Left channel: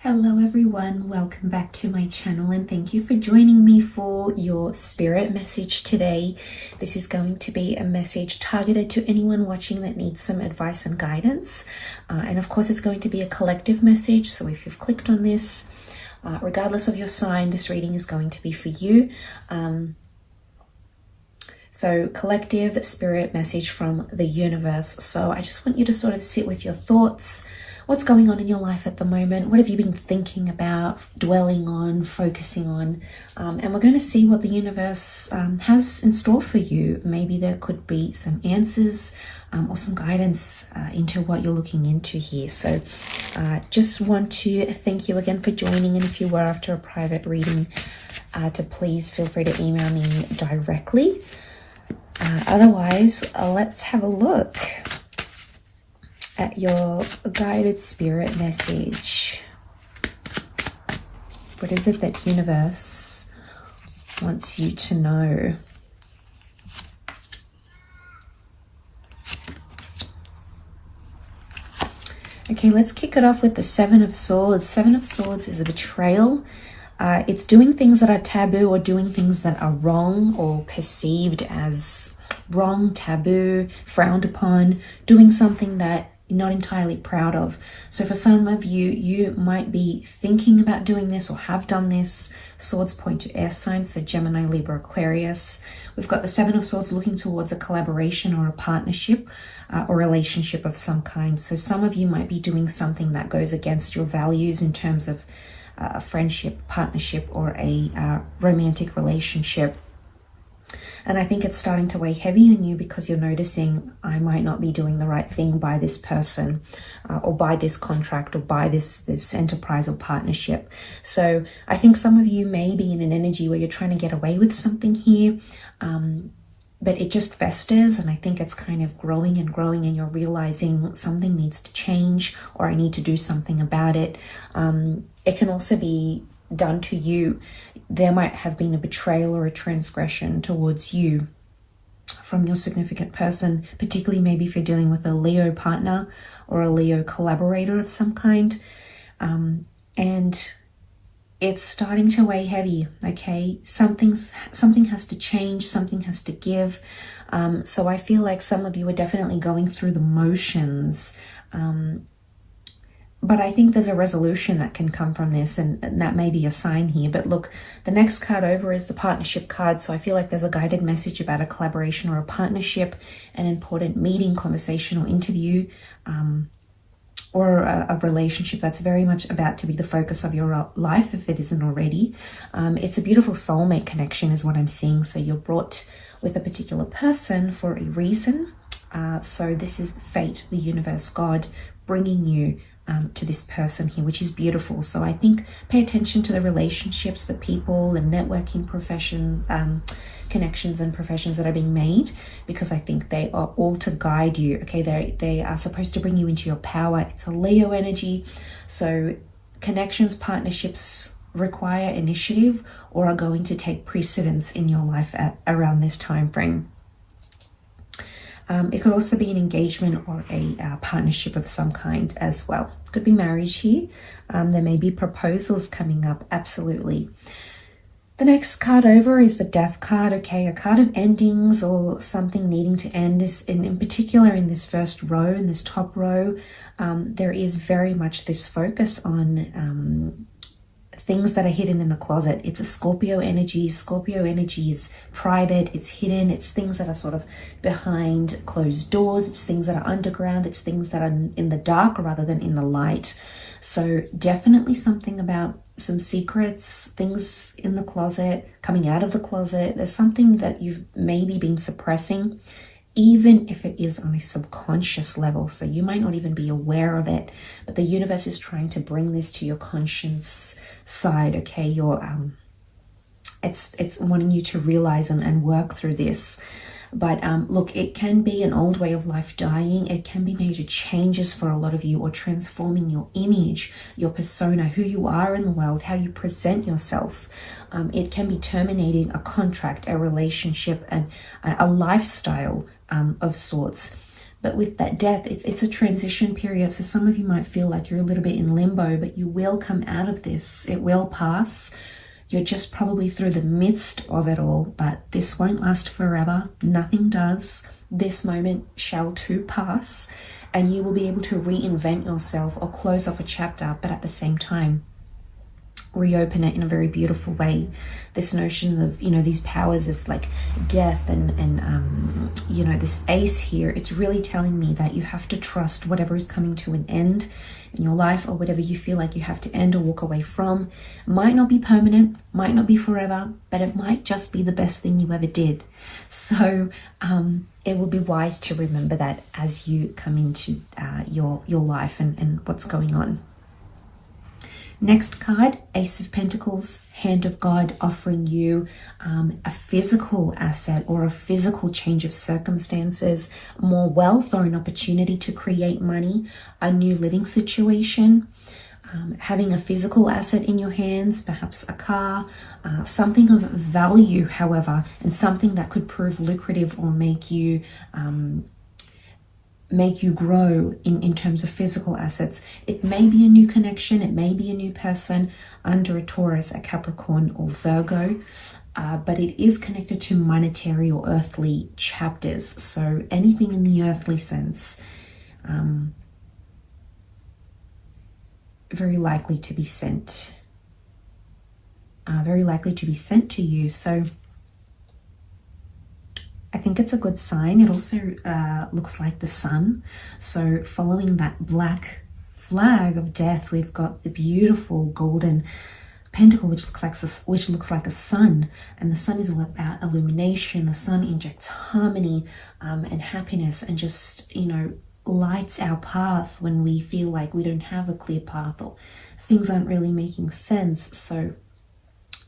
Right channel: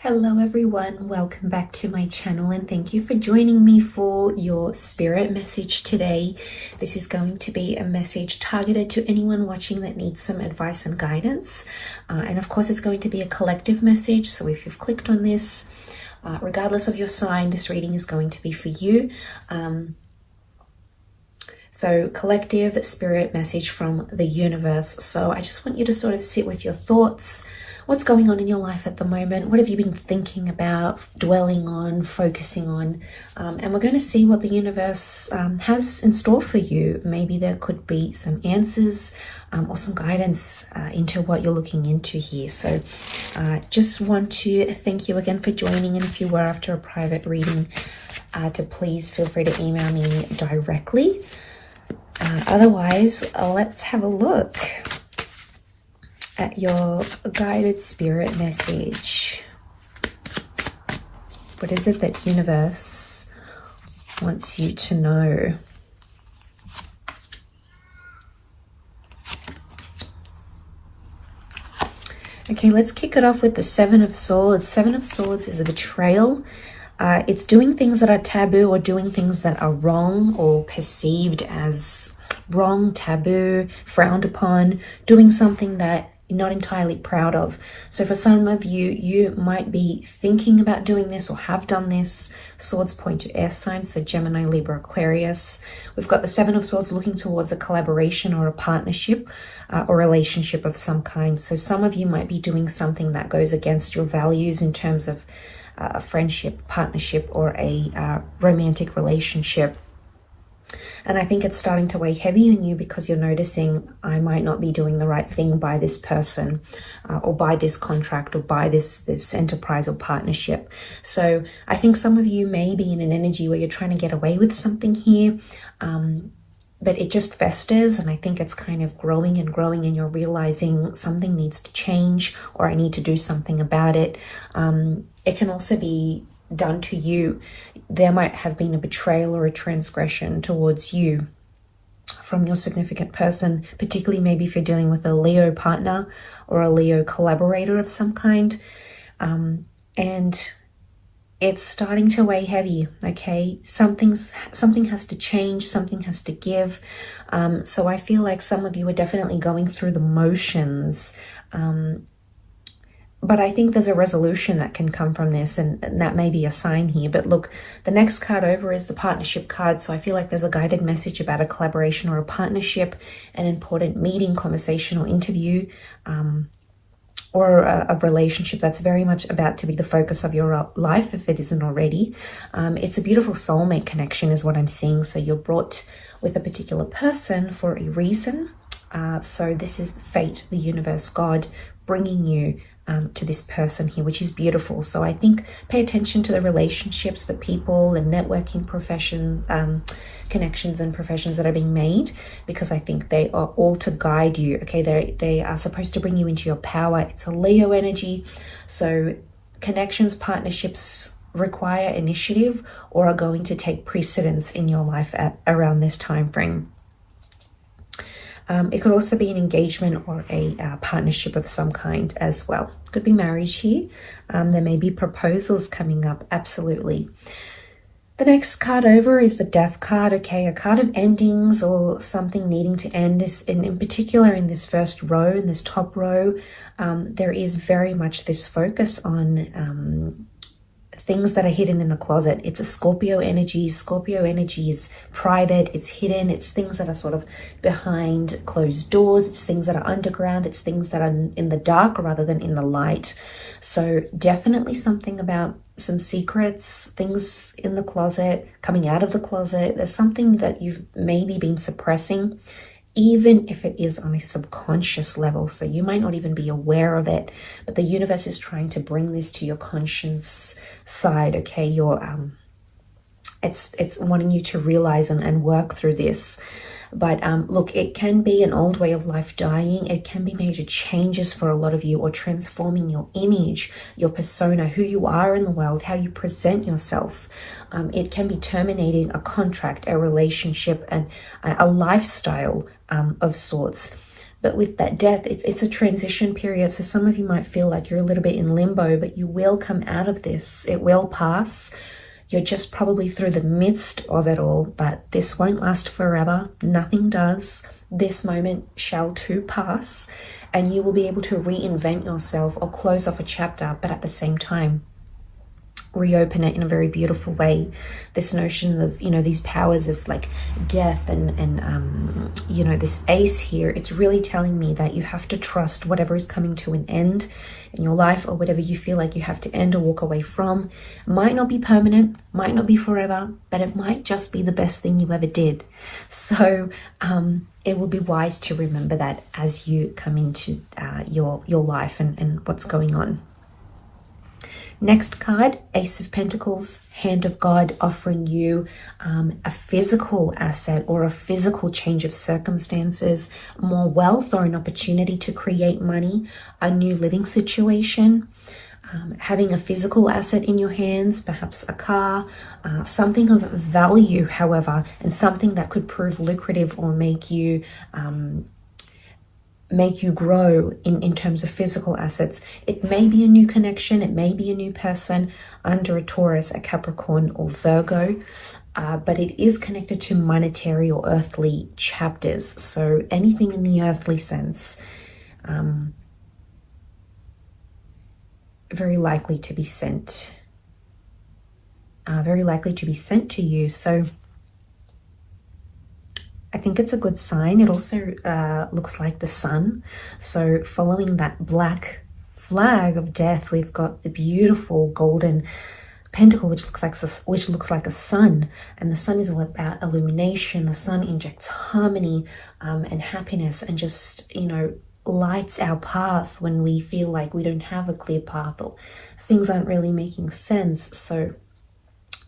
Hello everyone, welcome back to my channel and thank you for joining me for your spirit message today. This is going to be a message targeted to anyone watching that needs some advice and guidance. And of course it's going to be a collective message, so if you've clicked on this, regardless of your sign, this reading is going to be for you. So collective spirit message from the universe. So I just want you to sort of sit with your thoughts. What's going on in your life at the moment? What have you been thinking about, dwelling on, focusing on? And we're going to see what the universe has in store for you. Maybe there could be some answers or some guidance into what you're looking into here. So just want to thank you again for joining. And if you were after a private reading, to please feel free to email me directly. Otherwise, let's have a look at your guided spirit message. What is it that universe wants you to know? Okay, let's kick it off with the Seven of Swords. Seven of Swords is a betrayal. It's doing things that are taboo or doing things that are wrong or perceived as wrong, taboo, frowned upon, doing something that you're not entirely proud of. So for some of you, you might be thinking about doing this or have done this. Swords point to air signs, so Gemini, Libra, Aquarius. We've got the Seven of Swords looking towards a collaboration or a partnership or relationship of some kind. So some of you might be doing something that goes against your values in terms of a friendship, partnership, or a romantic relationship. And I think it's starting to weigh heavy on you because you're noticing, I might not be doing the right thing by this person or by this contract or by this enterprise or partnership. So I think some of you may be in an energy where you're trying to get away with something here, but it just festers, and I think it's kind of growing and growing, and you're realizing something needs to change or I need to do something about it. It can also be done to you. There might have been a betrayal or a transgression towards you from your significant person, particularly maybe if you're dealing with a Leo partner or a Leo collaborator of some kind. And it's starting to weigh heavy, okay? Something has to change, something has to give. So I feel like some of you are definitely going through the motions, but I think there's a resolution that can come from this, and that may be a sign here. But look, the next card over is the partnership card. So I feel like there's a guided message about a collaboration or a partnership, an important meeting, conversation, or interview, or a relationship that's very much about to be the focus of your life, if it isn't already. It's a beautiful soulmate connection is what I'm seeing. So you're brought with a particular person for a reason. So this is fate, the universe, God bringing you to this person here, which is beautiful. So I think pay attention to the relationships, the people and networking profession, connections and professions that are being made, because I think they are all to guide you. Okay, they are supposed to bring you into your power. It's a Leo energy. So connections, partnerships require initiative or are going to take precedence in your life around this time frame. It could also be an engagement or a partnership of some kind as well. It could be marriage here. There may be proposals coming up, absolutely. The next card over is the Death card, okay? A card of endings or something needing to end. In particular, in this first row, in this top row, there is very much this focus on things that are hidden in the closet. It's a Scorpio energy. Scorpio energy is private, it's hidden, it's things that are sort of behind closed doors, it's things that are underground, it's things that are in the dark rather than in the light. So definitely something about some secrets, things in the closet, coming out of the closet. There's something that you've maybe been suppressing, even if it is on a subconscious level. So you might not even be aware of it, but the universe is trying to bring this to your conscience side, okay? It's wanting you to realize and work through this. But look, it can be an old way of life dying. It can be major changes for a lot of you, or transforming your image, your persona, who you are in the world, how you present yourself. It can be terminating a contract, a relationship, and a lifestyle of sorts. But with that death, it's a transition period. So some of you might feel like you're a little bit in limbo, but you will come out of this. It will pass. You're just probably through the midst of it all, but this won't last forever. Nothing does. This moment shall too pass, and you will be able to reinvent yourself or close off a chapter, but at the same time, reopen it in a very beautiful way. This notion of, you know, these powers of like death and you know, this ace here, it's really telling me that you have to trust whatever is coming to an end in your life, or whatever you feel like you have to end or walk away from. It might not be permanent, might not be forever, but it might just be the best thing you ever did. So it will be wise to remember that as you come into your life and what's going on. Next card, Ace of Pentacles, Hand of God, offering you a physical asset or a physical change of circumstances, more wealth or an opportunity to create money, a new living situation, having a physical asset in your hands, perhaps a car, something of value, however, and something that could prove lucrative or make you grow in terms of physical assets. It may be a new connection, it may be a new person under a Taurus, a Capricorn, or Virgo, but it is connected to monetary or earthly chapters. So anything in the earthly sense, very likely to be sent to you. So I think it's a good sign. It also looks like the sun. So following that black flag of death, we've got the beautiful golden pentacle, which looks like a sun. And the sun is all about illumination. The sun injects harmony and happiness, and just, you know, lights our path when we feel like we don't have a clear path or things aren't really making sense. So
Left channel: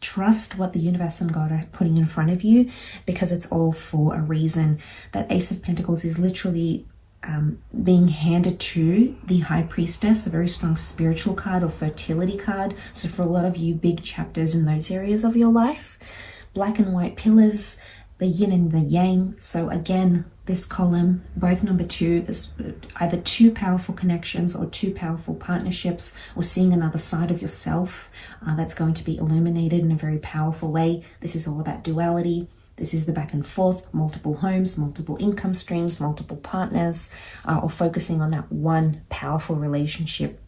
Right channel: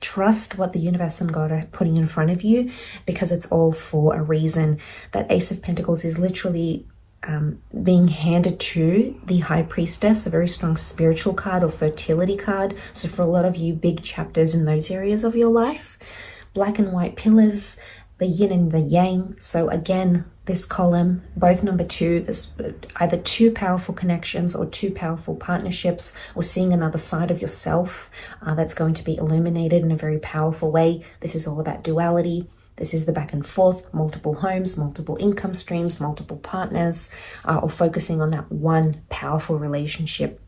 trust what the universe and God are putting in front of you, because it's all for a reason. That Ace of Pentacles is literally being handed to the High Priestess, a very strong spiritual card or fertility card. So for a lot of you, big chapters in those areas of your life. Black and white pillars, the yin and the yang. So again, this column, both number 2, there's either 2 powerful connections or 2 powerful partnerships, or seeing another side of yourself that's going to be illuminated in a very powerful way. This is all about duality. This is the back and forth, multiple homes, multiple income streams, multiple partners, or focusing on that one powerful relationship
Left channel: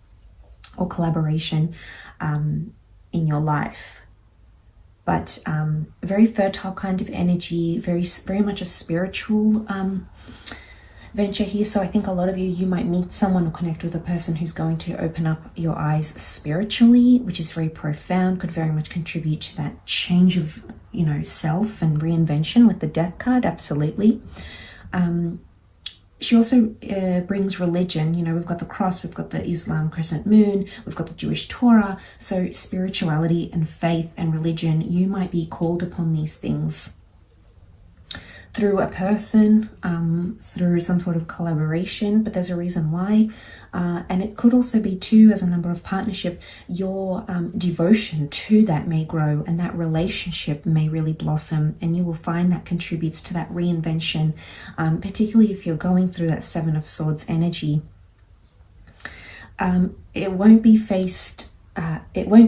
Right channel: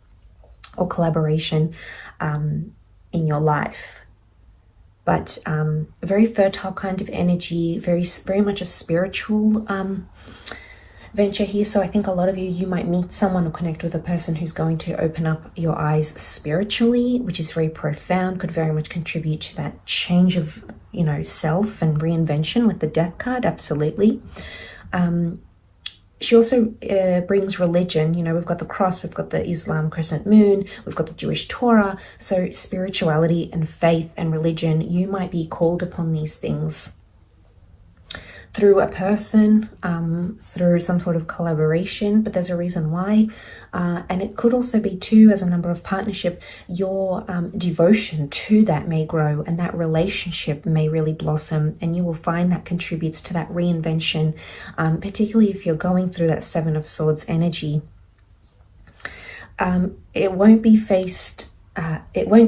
or collaboration in your life. But a very fertile kind of energy, very much a spiritual venture here. So I think a lot of you might meet someone or connect with a person who's going to open up your eyes spiritually, which is very profound, could very much contribute to that change of, you know, self and reinvention with the Death card, absolutely. She also brings religion. You know, we've got the cross, we've got the Islam crescent moon, we've got the Jewish Torah. So spirituality and faith and religion, you might be called upon these things through a person, through some sort of collaboration, but there's a reason why. And it could also be too, as a number of partnership, your devotion to that may grow, and that relationship may really blossom, and you will find that contributes to that reinvention, particularly if you're going through that 7 of Swords energy. It won't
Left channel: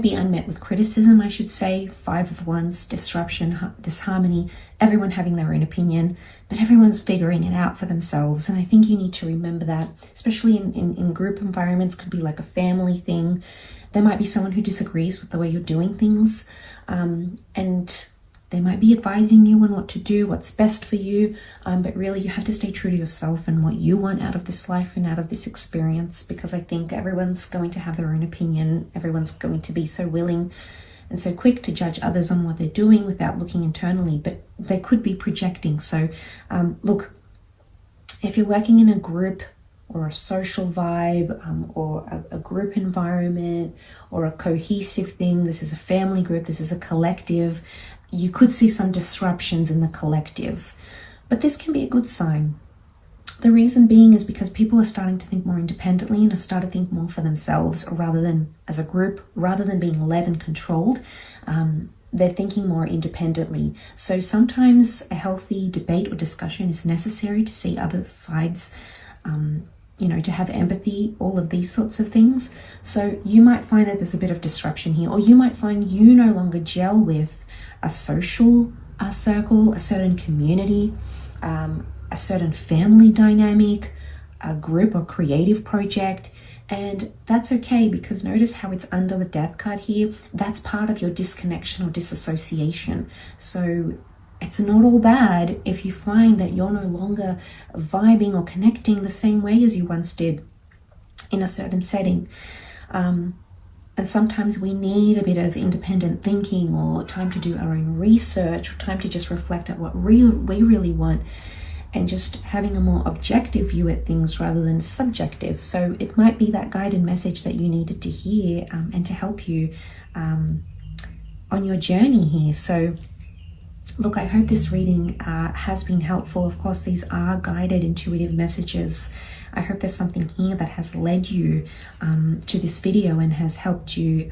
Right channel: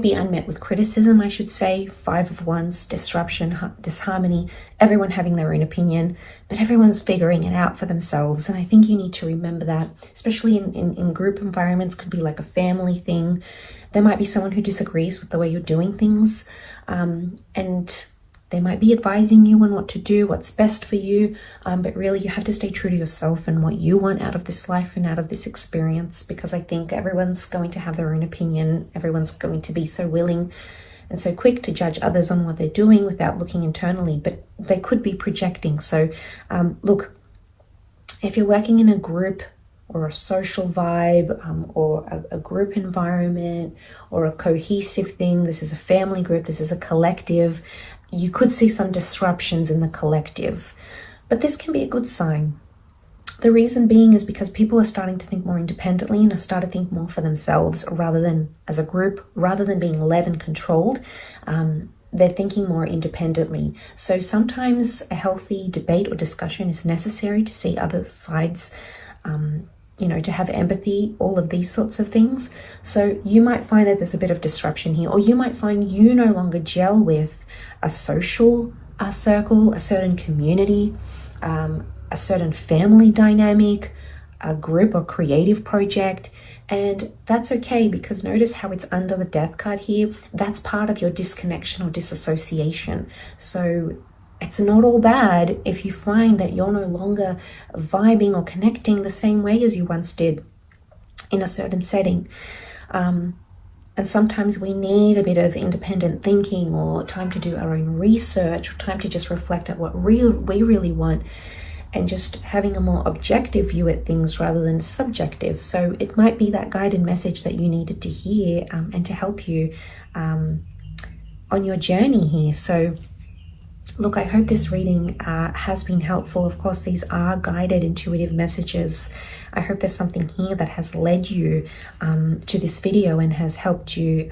be unmet with criticism, I should say. 5 of Wands, disruption, disharmony, everyone having their own opinion, but everyone's figuring it out for themselves. And I think you need to remember that, especially in group environments. Could be like a family thing. There might be someone who disagrees with the way you're doing things, and they might be advising you on what to do, what's best for you, but really you have to stay true to yourself and what you want out of this life and out of this experience, because I think everyone's going to have their own opinion. Everyone's going to be so willing and so quick to judge others on what they're doing without looking internally, but they could be projecting. So look, if you're working in a group or a social vibe, or a group environment, or a cohesive thing, this is a family group, this is a collective, you could see some disruptions in the collective, but this can be a good sign. The reason being is because people are starting to think more independently and are starting to think more for themselves rather than as a group, rather than being led and controlled. They're thinking more independently. So sometimes a healthy debate or discussion is necessary to see other sides you know, to have empathy, all of these sorts of things. So you might find that there's a bit of disruption here, or you might find you no longer gel with a social circle, a certain community, a certain family dynamic, a group or creative project. And that's okay, because notice how it's under the death card here. That's part of your disconnection or disassociation. So it's not all bad if you find that you're no longer vibing or connecting the same way as you once did in a certain setting. And sometimes we need a bit of independent thinking, or time to do our own research, or time to just reflect at what we really want, and just having a more objective view at things rather than subjective. So it might be that guided message that you needed to hear, and to help you on your journey here. So look, I hope this reading has been helpful. Of course, these are guided intuitive messages. I hope there's something here that has led you to this video and has helped you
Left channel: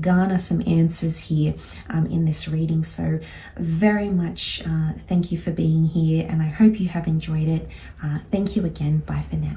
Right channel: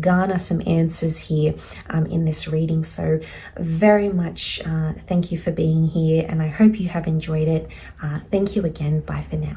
garner some answers here in this reading. So very much thank you for being here, and I hope you have enjoyed it. Thank you again. Bye for now.